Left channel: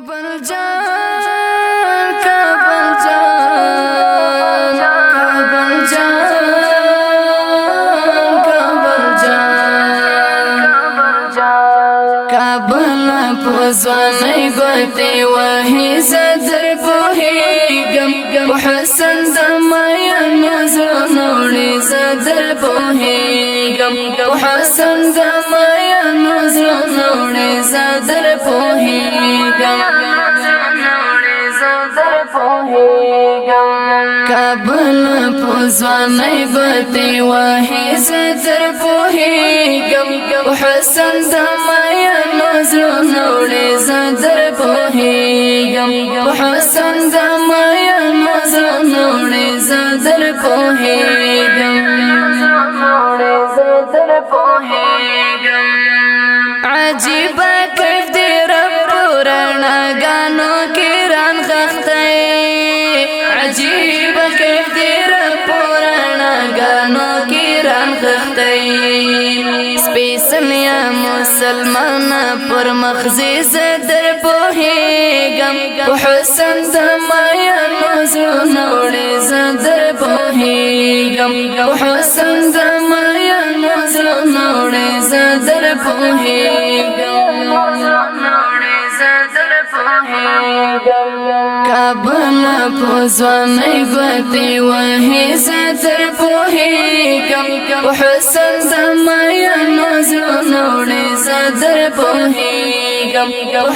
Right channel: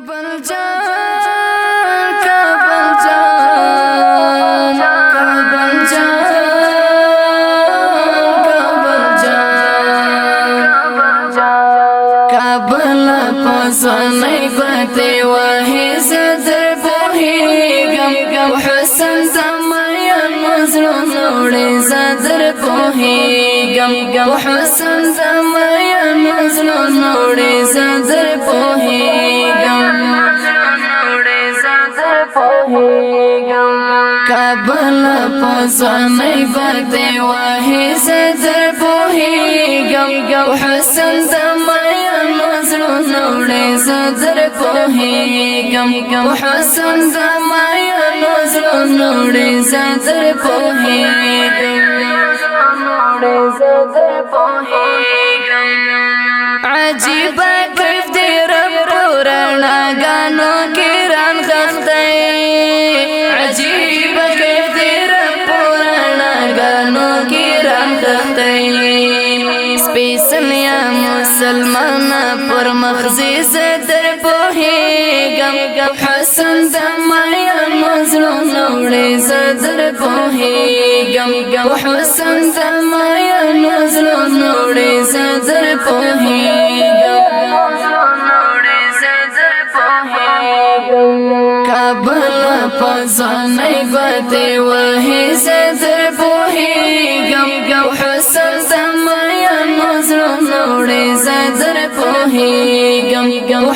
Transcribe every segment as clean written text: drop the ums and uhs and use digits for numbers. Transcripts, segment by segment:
کابل جان کابل جان کابل جان کابل جان کابل پوزانای ګوتې وهي زدر پوهېږم حسن زمایا نظرونه وړي زدر پوهېږم حسن زمایا نظرونه وړي زدر پوهېږم کابل پوزانای ګوتې وهي زدر پوهېږم حسن زمایا نظرونه وړي زدر پوهېږم حسن زمایا نظرونه وړي زدر پوهېږم عجیبه کیف دی رب پراناګانو کې رانغښتی عجیبه کیف دی رب پراناګانو کې رانغښتی سپېڅلیا مسلمانه پر مخزي زدر پوهېږم په حسن زمایا نظرونه وړي زدر پوهېږم په حسن زمایا نظرونه وړي زدر پوهېږم کابل پوزانای ګوتې وهي زدر پوهېږم حسن زمایا نظرونه وړي زدر پوهېږم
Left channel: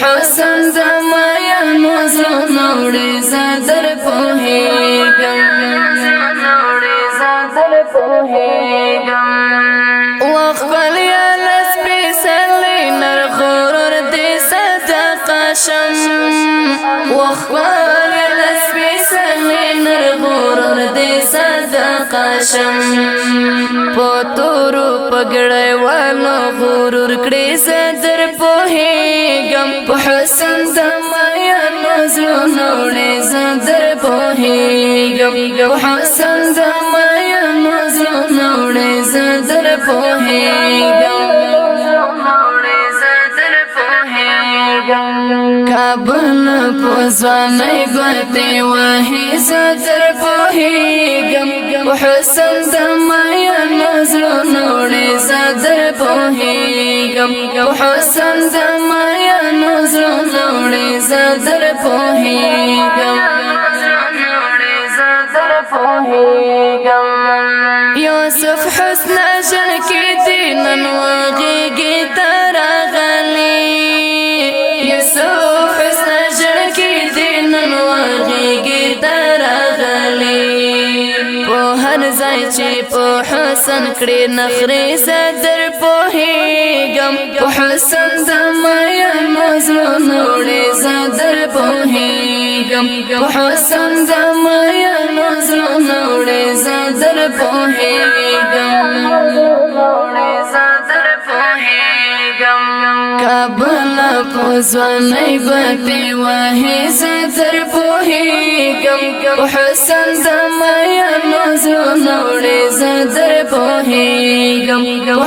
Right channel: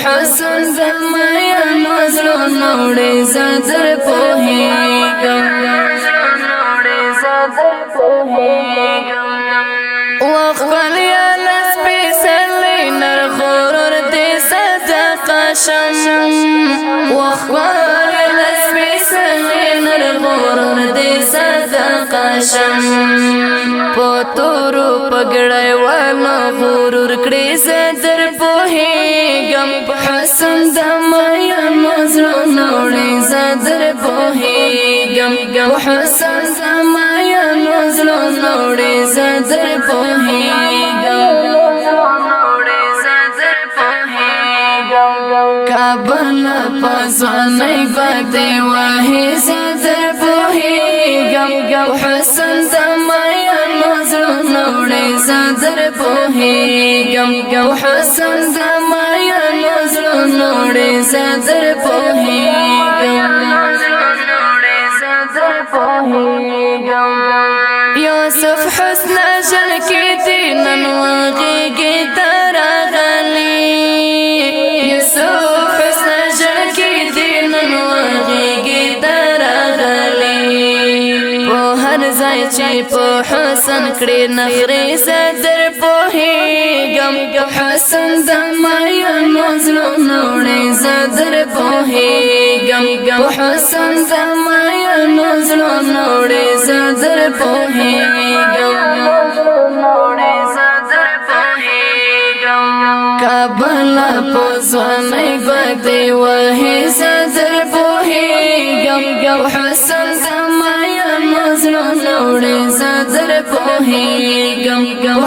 حسن زمایا نظرونه وړي زدر پوهېږم وخلیا لسپېڅلی نر غرور دې صدقه شم وخلیا لسپېڅلی نر غرور دې صدقه شم په تورو پګړیوالو غرور کړې زدر پوهېږم په حسن زمایا نظرونه وړي زدر پوهېږم په حسن زمایا نظرونه وړي زدر پوهېږم کابل پوزانای ګوتې وهي زدر پوهېږم حسن زمایا نظرونه وړي زدر پوهېږم حسن زمایا نظرونه وړي زدر پوهېږم یوسف حسن جن کې دې نن وغېږې ته راغلی یوسف حسن جن کې دې نن وغېږې ته راغلی په هر ځای چې په حسن کړې نخرې زدر پوهېږم په حسن زمایا نظرونه وړي زدر پوهېږم په حسن زمایا نظرونه وړي زدر پوهېږم کابل پوزانای ګوتې وهي زدر پوهېږم حسن زمایا نظرونه وړي زدر پوهېږم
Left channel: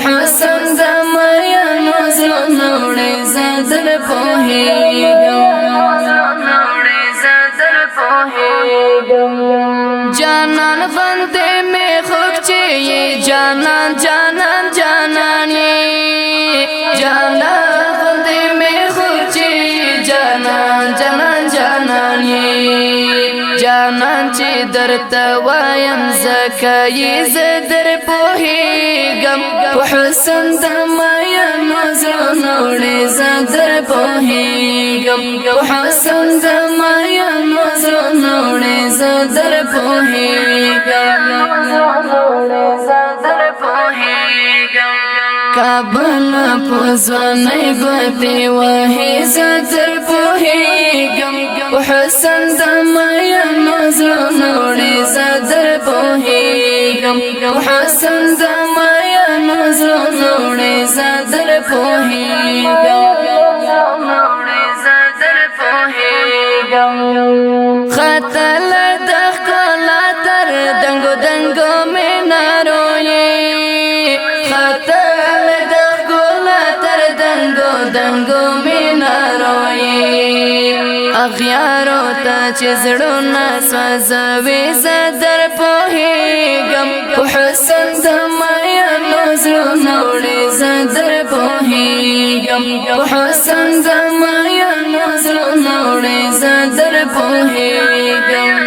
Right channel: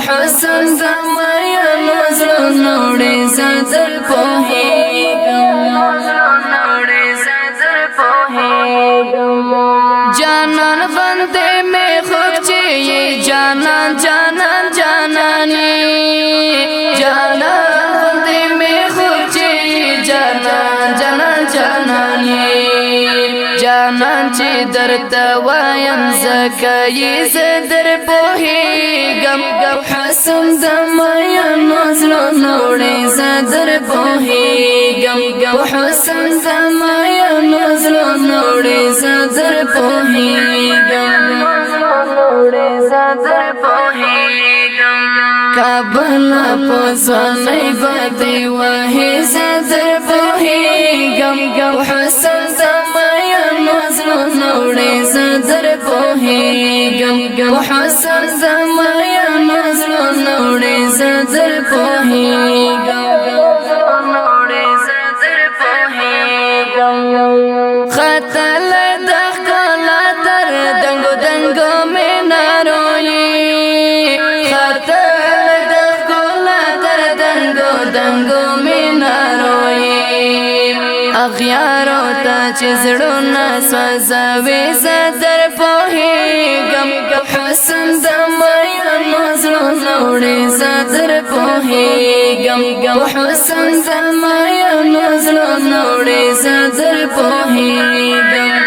حسن زمایا نظرونه وړي زدر پوهېږم جانان بندې مې خوږ چې یې جانان جانان جانان یې جانان بندې مې خوږ چې جانان جانان جانان یې جانان چې درته وایم ځکه یې زدر پوهېږم په حسن زمایا نظرونه وړي زدر پوهېږم په حسن زمایا نظرونه وړي زدر پوهېږم کابل پوزانای ګوتې وهي زدر پوهېږم حسن زمایا نظرونه وړي زدر پوهېږم حسن زمایا نظرونه وړي زدر پوهېږم خطل د ښکلا تر دنګو دنګو مینارو یې خطل د ښکلا تر دنګو دنګو مینارو یې اغیارو تا چې زړونه سوځوي زه در پوهېږم په حسن د مینو زړونه وړي زه در پوهېږم په حسن د مینو زړونه وړي زه در پوهېږم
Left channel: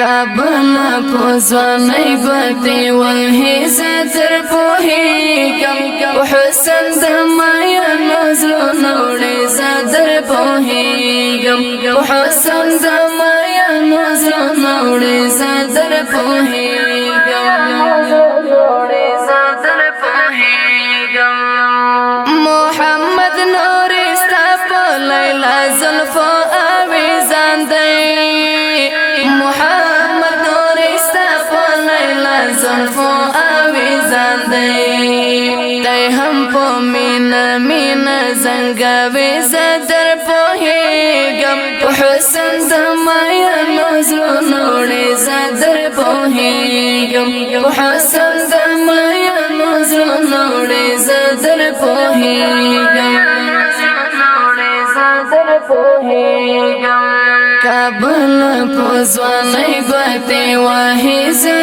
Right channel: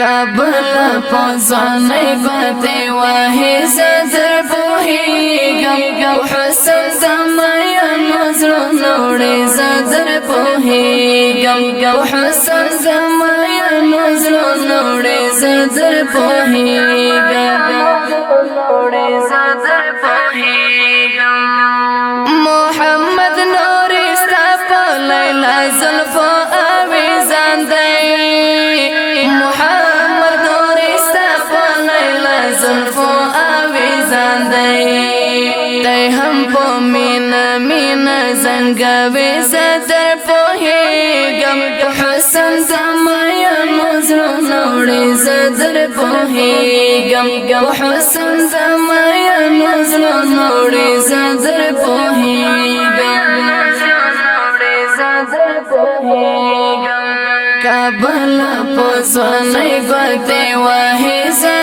کابل په ځوانۍ ګوتې وهي زه در پوهېږم په حسن د مینو زړونه وړي زه در پوهېږم په حسن د مینو زړونه وړي زه در پوهېږم محمد نور ستا په لیلا زلفو اویزان دی محمد نور ستا په لیلا زلفو اویزان دی دی هم په مینا مینا زنګوي زه در پوهېږم په حسن د مینو زړونه وړي زه در پوهېږم په حسن د مینو زړونه وړي زه در پوهېږم کابل په ځوانۍ ګوتې وهي زه